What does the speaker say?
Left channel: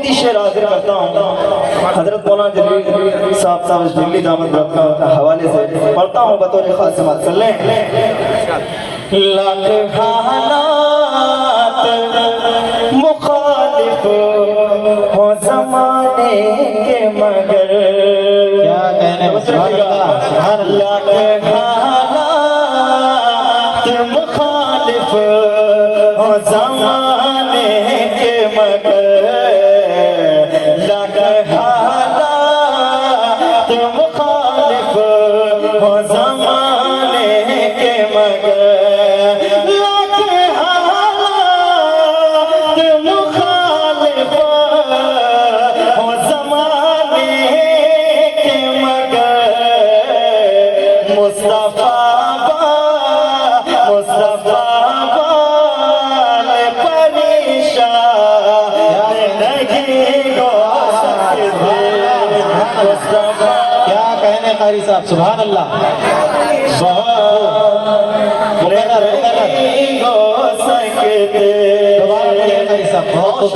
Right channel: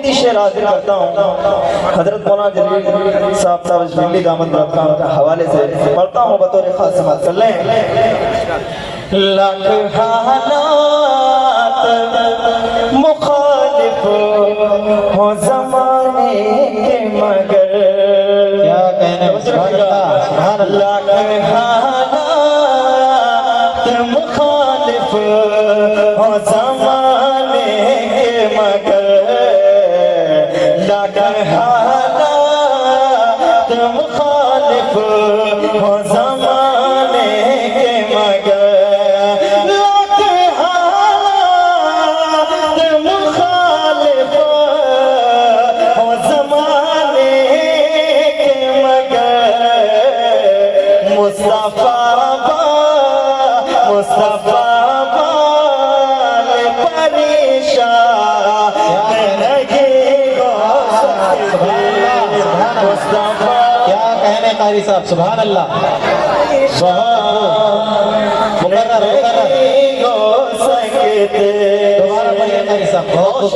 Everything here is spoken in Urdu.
قیمتی شعر آخر کرتا ہوں حضرت مولانا جلیل صاحب دلی دامت برکاتہ کا حوالے سے پڑھتا ہوں بطور خاص سماعت کر لیں لاکھ حالات مخالف ہو زمانے کے مگر کیا کہنے سبحان اللہ لاکھ حالات مخالف ہو زمانے کے مگر لاکھ حالات مخالف ہو زمانے کے مگر لاکھ حالات مخالف ہو زمانے کے مگر مصطفیٰ بال پریشان نہیں ہو سکتے مصطفیٰ کیا کہنے قاری صاحب سبحان اللہ نہیں ہو سکتے قاری صاحب بہت